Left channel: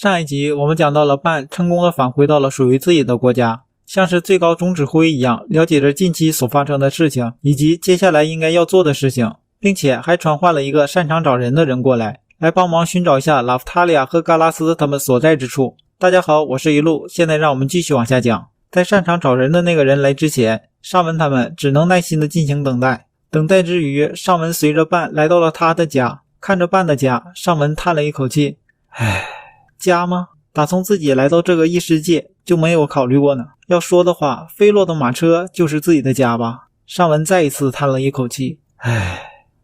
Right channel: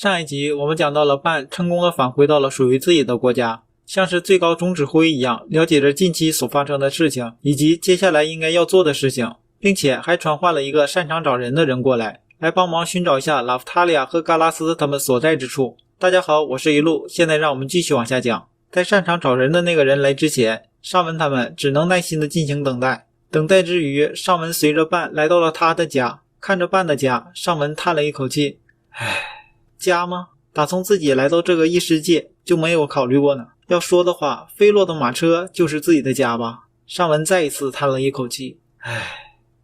上一集我们讲到了伴成功的返回到了属于自己的国家，像是最高总指挥一样了解着近期所发生的事情以及接下来应该要做的事情，并且还传唤了一个擅长找人的人过来帮忙寻找一下拉夫塔利亚和嘎拉斯他们所在之处。大家好，我是一路，现在让我们继续往下讲。在擅长找人的那个人来之前，尚文他们只能耐心地进行等待。等待之余，尚文随着伴来到了他的家，看着伴的家，尚文叹了一口气，家吗？打从自己来到这个异世界就没有考虑过呢。要说的话，飞落的马车就是自己的家吧。尚文再一次叹了一口气，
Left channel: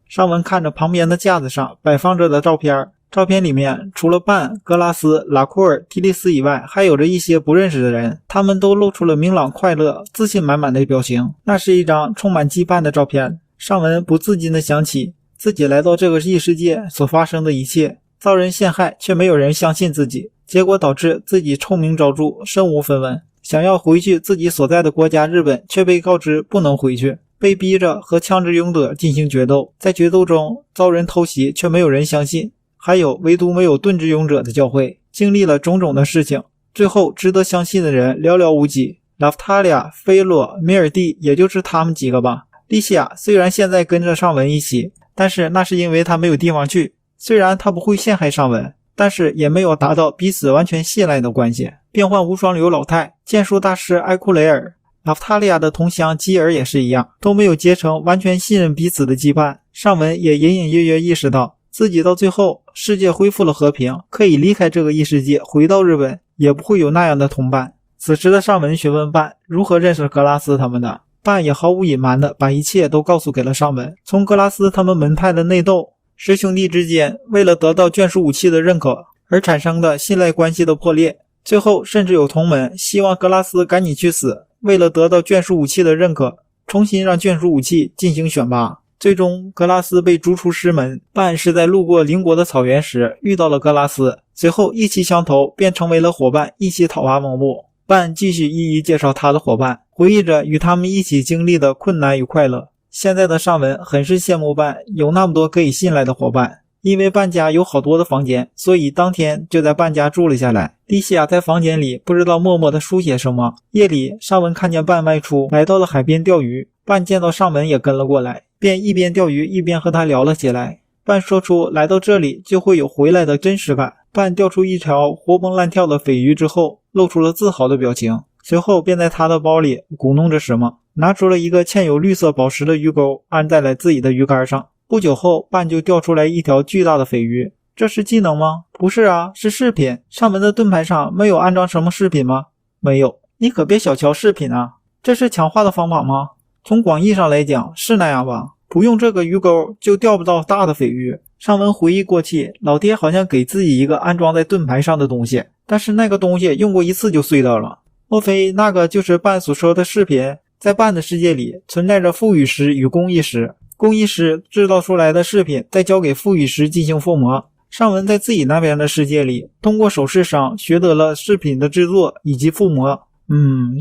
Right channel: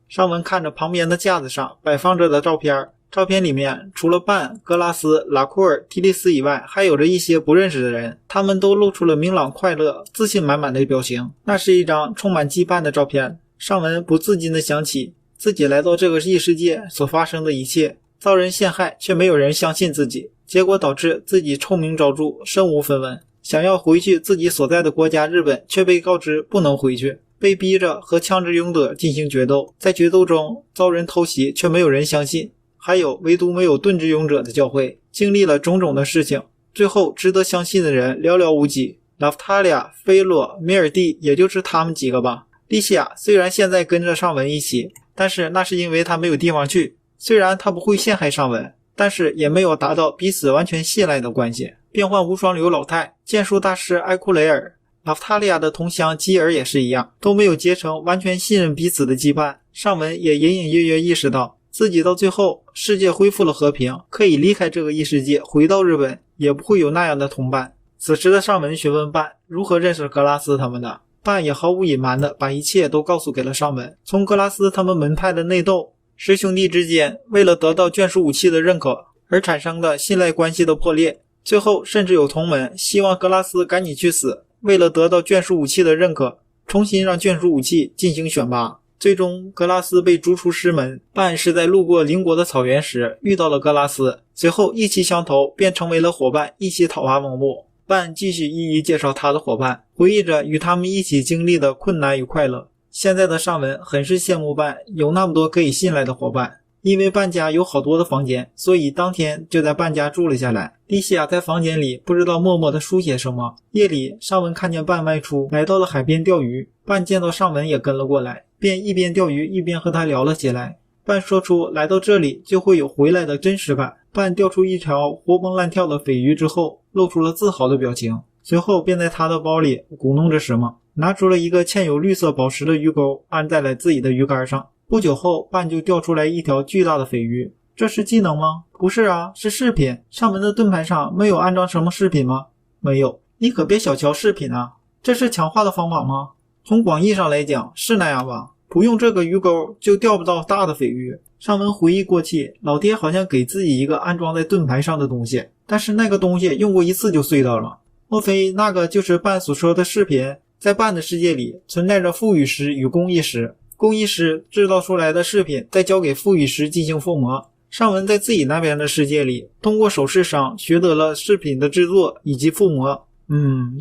尚文看着旁边的架子上摆放着的照片，照片里面除了伴、格拉斯、拉库尔、提利斯以外，还有着一些不认识的人，他们都露出了明朗、快乐、自信满满的表情。那是一张充满羁绊的照片。尚文不自禁地想起自己来到这个异世界所发生的一切，遭人陷害却没有人相信自己，结果导致自己臭名昭著，身无分文。想要回去自己所在的国家日本，却被告知不能回去，被逼着和枪支勇者进行决斗，在决斗中遭人偷袭，却没有人相信，还有唯独没有盾之勇者的教会。经历了种种的事情，最后值得相信的人寥寥无几。拉夫塔利亚、菲洛、米尔蒂，也就是他们几个吧。莉西亚虽然现在跟着尚文一起，但是那是因为他没有地方去。虽然他不会陷害尚文，但是也没有达到彼此完全信赖的关系。变幻无双流老太、剑术大师埃库雷尔、拉夫塔利亚的同乡基尔也是一样，都没有结成完全信任彼此的羁绊。尚文也隐隐约约意识到，自己到最后世界恢复了和平，可以离开这个异世界回到日本，也不会有那样的同伴。此时的尚文询问伴如何认识格拉斯他们的，伴也毫无隐瞒的把一切都告诉给了尚文。从格拉斯他们门派的内斗，师兄弟之间为了得到眷属武器的认可而产生的信赖关系的破裂，最后甚至有同门希望格拉斯赶紧去死，为了得到眷属武器的认可，重新让眷属武器进行选拔。最终格拉斯被逐出师门，伴是在路过邻国的草原时遇到了格拉斯，随后意气相投，便成为了伙伴，一起讨伐蒙布。伴继续一一介绍他的伙伴，回忆着与他们一起经历的困难与快乐。现在的尚文很是羡慕伴有那么多可以信赖的伙伴，因为伴家有好多的房间，所以当天就在伴家住了下来。莉西亚在房间里不知道默默地书写什么。夜里，尚文看见伴外出，来到了海边钓鱼。伴见到尚文也跟了过来，便一边钓鱼一边和他聊了起来。伴说出来到这里就会有回来的真实感。伴钓出一条活蹦乱跳的鲱鱼之后，露出了自豪的表情，随后便在他的包里鼓弄着什么，拿出了一个嵌有绿色宝石的鱼钩，安在了自己的鱼竿上。不久后，伴就钓出来一条巨大的鲱鱼。这是技能吗？不是啊，是饰品。尚文的盾牌上没有安装什么饰品吗？没有。你可别小瞧饰品啊，这是强化的方法吗？从广义上来讲是那样吧，不用这个鱼钩就钓不到大的鲱鱼。尚文回忆过去，老爹好像给自己一个安装在盾牌上的东西，但是那个东西用过一次就碎掉了。莫非那个就是伴所说的饰品？在伴的世界里存在着赋予石与工艺石，工艺师制造出来的饰品再交给赋予师进行覆模。尚文在自己那边的世界里通过首饰商学得了饰品的制作以及覆模。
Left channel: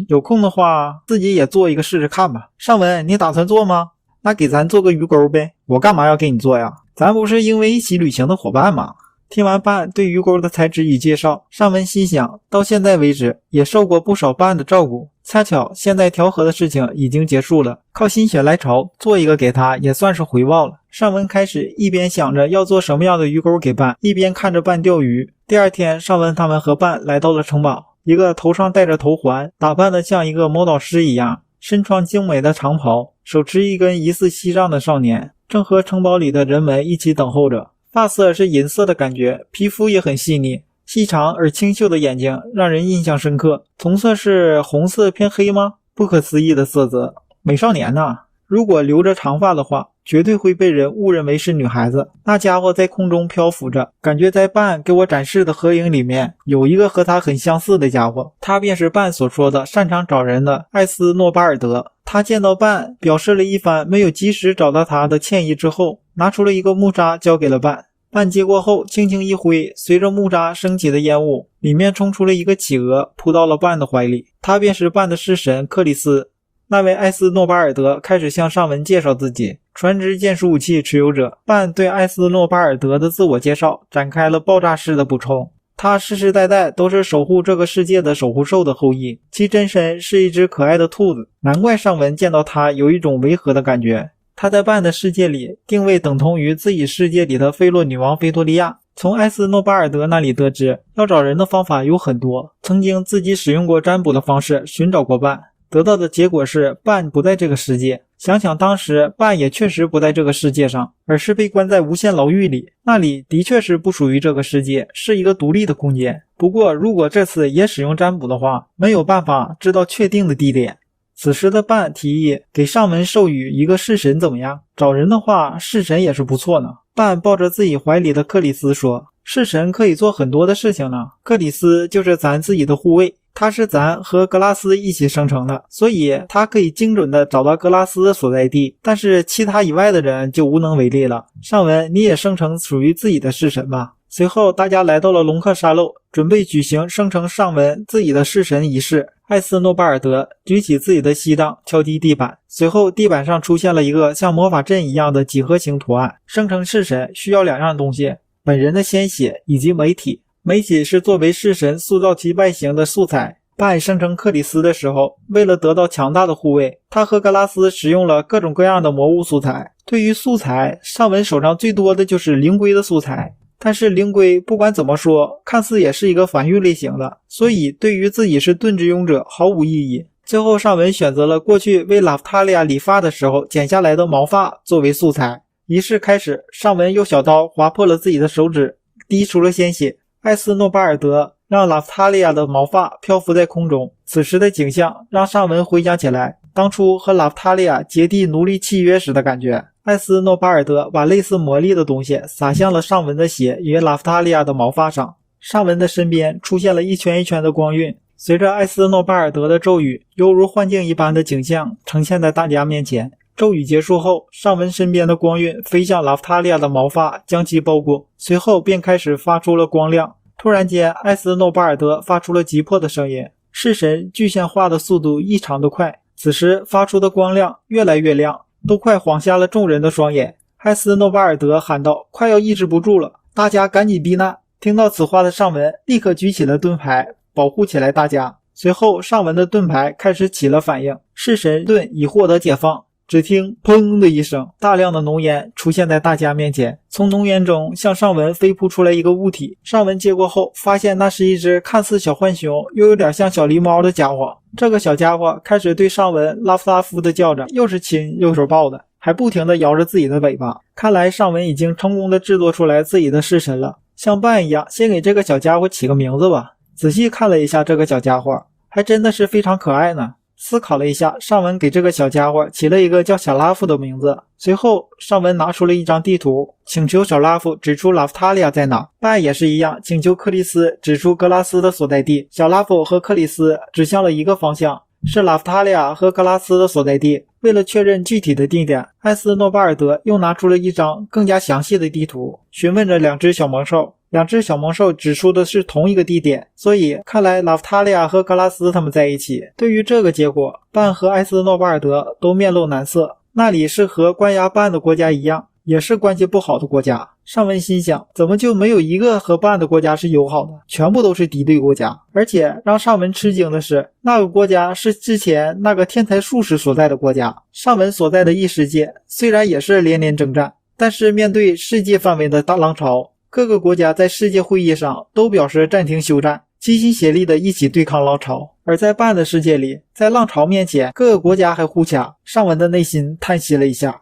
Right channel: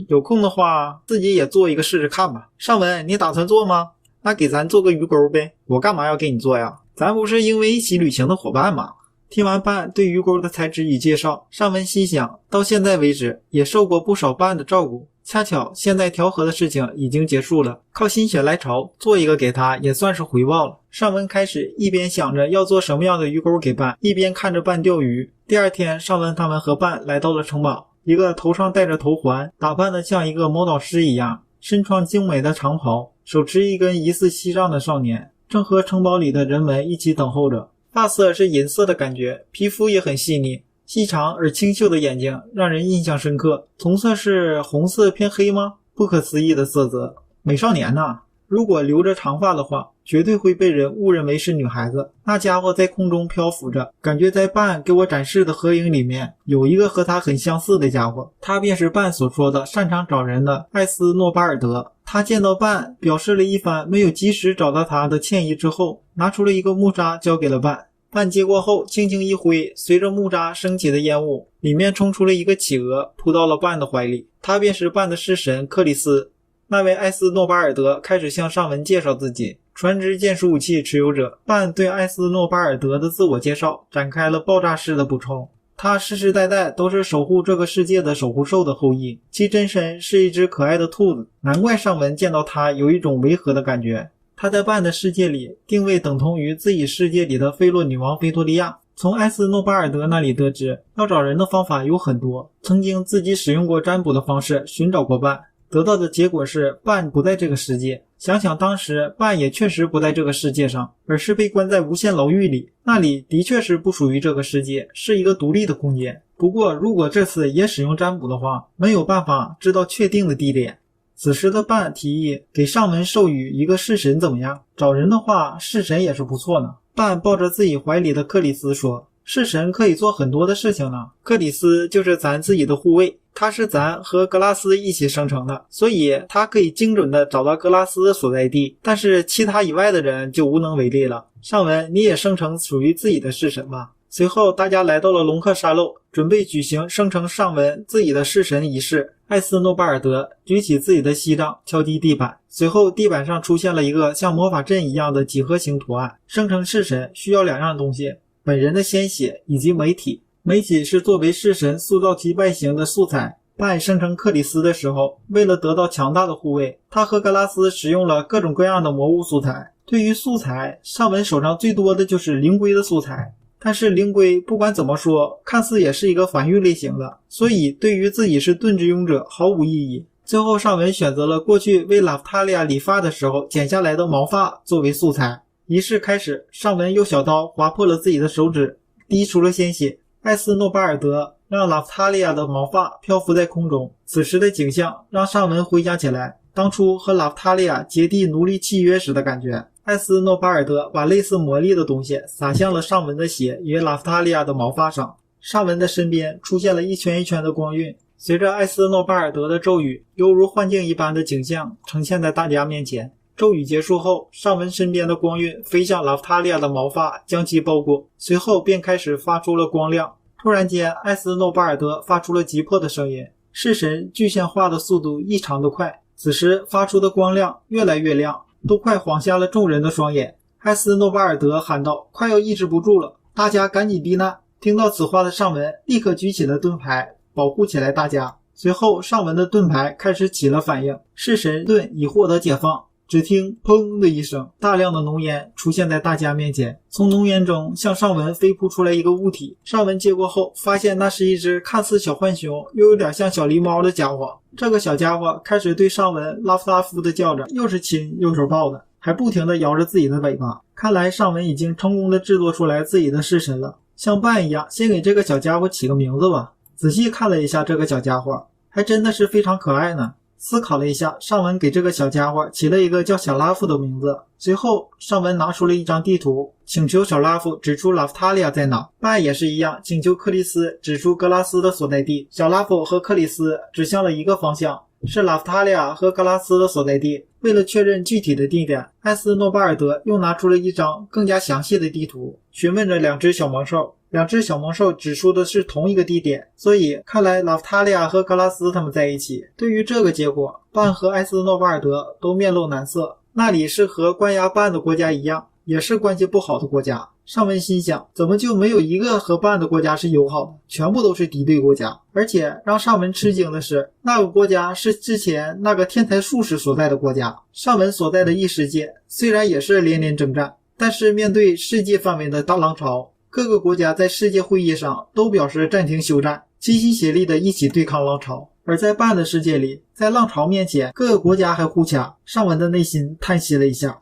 有空的话自己也做一个试试看吧。尚文，你打算做吗？那给咱做个鱼钩呗。我干嘛要给你做呀？咱不是因为一起旅行的伙伴吗？听完伴对鱼钩的材质与介绍，尚文心想，到现在为止也受过不少伴的照顾，恰巧现在调和的事情已经结束了，靠心血来潮做一个给他也算是回报了。尚文开始一边想着要做什么样的鱼钩给伴，一边看着伴钓鱼。第二天，尚文他们和伴来到了城堡，一个头上戴着头环，打扮得像一个魔导师一样，身穿精美的长袍，手持一根疑似锡杖的少年，正和城堡里的人们一起等候着。发色是银色的感觉，皮肤也很细腻，细长而清秀的眼睛让人印象深刻。瞳色是红色偏黑吗？不可思议的色泽。美少年呐，如果留着长发的话，绝对会被人误认为是女孩子。那家伙在空中漂浮着，感觉在伴给我展示的合影里面有一个和他很相似的家伙，他便是伴所说的擅长找人的艾斯诺巴尔德。他见到伴，表示了一番没有及时找到他的歉意之后，拿出了一个木渣交给了伴。伴接过后轻轻一挥，随着木渣升起的烟雾，里面冲出了一个企鹅，扑到了伴的怀里。他便是伴的式神克里斯。那位艾斯诺巴尔德开始向尚文介绍自己，传职剑术武器持有者。伴对艾斯诺巴尔德的自我介绍展开了爆炸式的补充。他世世代代都是守护这个世界的守护兽的后裔，其真身是一只可爱的兔子，难怪上文见到他有一种违和的感觉。他在半的世界里定位等同于自己世界里的菲洛女王菲多利亚。从艾斯诺巴尔德那里得知，要找人的方法有很多，曾经自己使用过占卜的方式寻找过半，得到的结果是半不在这个世界。想想当时半也确实不在这个世界上，而是被关在无限牢狱里，那里的确是不属于这个世界，是一个独立的空间。不过如果这次也使用占卜的话，没有办法知道确定的地点。此时的半提议给上文授予一个式神怎么样？找人的话，式神也是不错呢。半抱着自己怀里的克里斯说，式神可以做很多的事情呢。克里斯就是咱自己的护卫，他是咱和格拉斯一起生成的，所以他可以精准的找到格拉斯的所在地，但是其他以外的人就无能为力了。上文你也生成属于自己的式神吧。随后大家来到了龙克沙漏，准备举行生成上文自己的式神仪式。艾斯诺巴尔德举起自己的膝杖敲击地板，随后地板上出现了一个像魔法阵一样的几何形图案。生成式神需要两样东西，本人的鲜血以及媒体。媒体是作为式神塑造其外形的素材。半生成克里斯的时候，为了得到强大的护卫，他和格拉斯使用了各种各样的魔物素材。对于素材，上文手上最多的就是灵龟的素材，但是灵龟不管怎么说，看似也是一个防御类型的，所以对于自己是盾之勇者毫无意义。最后上文选择了过去为拉夫塔利亚理发的时候剪下来的毛发作为素材。仪式开始，上文用小刀划破了自己的手指，滴出了鲜血。艾斯诺巴尔德让拉夫塔利亚的毛发漂浮在空中，此时的景象让上文回想起来当初和拉夫塔利亚结缔奴隶契约时的感觉。艾斯诺巴尔德把类似魔力的东西洒向了上文的血与拉夫塔利亚的毛发上，上文的身边出现了一圈一圈的光晕，随着艾斯诺巴尔德的咒语，犹如幻境一般的景象呈现在大家面前。咒语结束后，上文身边的光晕飞向拉夫塔利亚的毛发，将其包裹，随后便开始发出了光亮。突然间，艾斯诺巴尔德发出了急迫的声音，式神具象化的速度异常的快，此时发出的光亮越来越亮，都快晃瞎了众人的双眼。艾斯诺巴尔德喊道，快要抑制不住了，大家赶紧避难。听到此话的上文立刻举起了盾牌，保护起来大家。随后上文的盾牌开始起了反应，式神盾已获得解放。只听砰的一声，大量的浓烟出现在大家面前，从浓烟中向上文飞扑出来一个物体。上文接过后发现那是一只看似小浣熊又有点像小狸猫的家伙。这个小家伙开始对上文拉夫拉夫的叫着，又是亲又是抱的，还不停地摇着自己的尾巴。看来上文已经成功地制作出来自己的式神了。像半一样，先给这个小家伙起个名字吧。仔细看了一下这个小家伙，还真的是非常可爱呢。思考了一下，上文给这个小家伙起了一个叫小拉夫的名字。随后上文拿出了一张地图，请求小拉夫指出拉夫塔利亚在哪。半也是一样，请求克里斯指出格拉斯的所在地。小拉夫和克里斯指向了一个方向，是拉夫塔利亚和格拉斯的所在地。为了确认具体的地点，艾斯诺巴尔德又拿出了一张更加详细的地图，询问着两只小猛兽。两只小猛兽指出的是同一个地点，所以看来拉夫塔利亚和格拉斯他们在一起。对于这个结果，半和艾斯诺巴尔德都面露难色。那里是和关押半的国家一样，也是关系不好的国家。上文心想，怎么就没有一个和半的国家是友好的，全部都是敌对国家。而且让上文吃惊的是，那个国家是之前那个天才术士所在的国家。上文所在的异世界虽然也是连连征战，但是面对世界范围的大浪潮，各个国家在世界会议上都表示暂停休战，齐心协力的一起对抗浪潮。而在半的世界里，在浪潮面前，各个国家还互掐。上文的内心叹息了一下，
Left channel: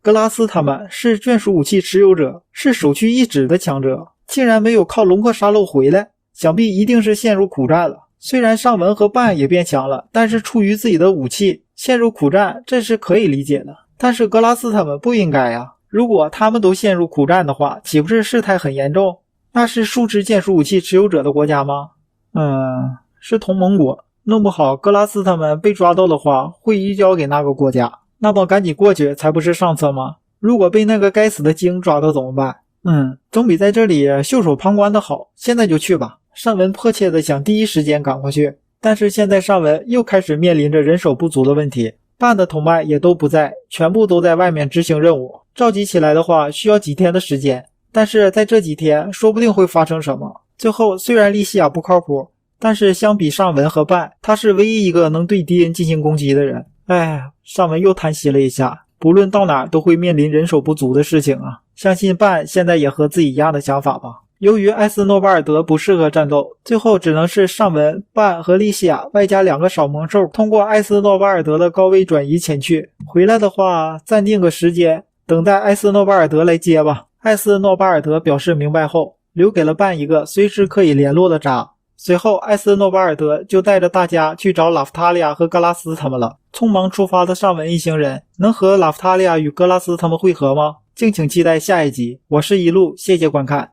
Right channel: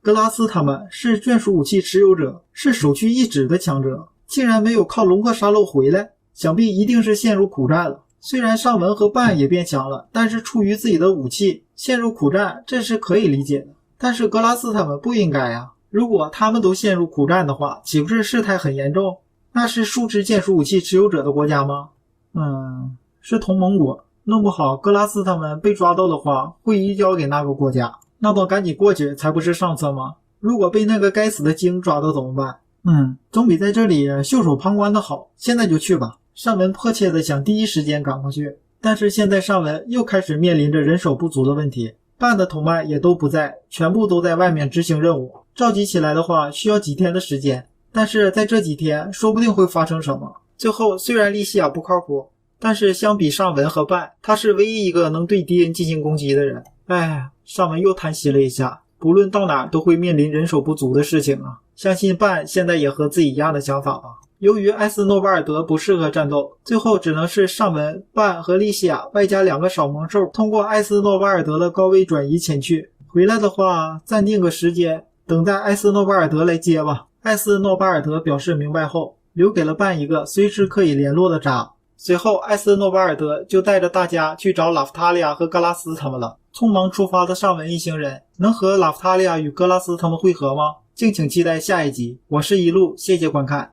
格拉斯他们是眷属武器持有者，是首屈一指的强者，竟然没有靠龙克沙漏回来，想必一定是陷入苦战了。虽然上文和半也变强了，但是出于自己的武器陷入苦战，这是可以理解的。但是格拉斯他们不应该啊，如果他们都陷入苦战的话，岂不是事态很严重？那是数支眷属武器持有者的国家吗？是同盟国，弄不好格拉斯他们被抓到的话，会移交给那个国家。那么赶紧过去才不是上策吗？如果被那个该死的鲸抓到怎么办？总比在这里袖手旁观的好。现在就去吧。上文迫切的想第一时间赶过去，但是现在上文又开始面临着人手不足的问题。半的同伴也都不在，全部都在外面执行任务。召集起来的话需要几天的时间。但是在这几天说不定会发生什么。最后虽然莉西亚不靠谱，但是相比尚文和半，他是唯一一个能对敌人进行攻击的人。尚文又叹息了一下，不论到哪都会面临人手不足的事情啊。相信半现在也和自己一样的想法吧。由于艾斯诺巴尔德不适合战斗，最后只能是尚文、半和莉西亚外加2个小猛兽通过艾斯诺巴尔德的高位转移前去。回来的话暂定个时间，等待艾斯诺巴尔德来接吧。艾斯诺巴尔德表示明白后，留给了半一个随时可以联络的闸。随后艾斯诺巴尔德就带着大家去找拉夫塔利亚和格拉斯他们了。匆忙出发的尚文一行人能和拉夫塔利亚与格拉斯他们会合吗？敬请期待下一集。我是一路，谢谢观看。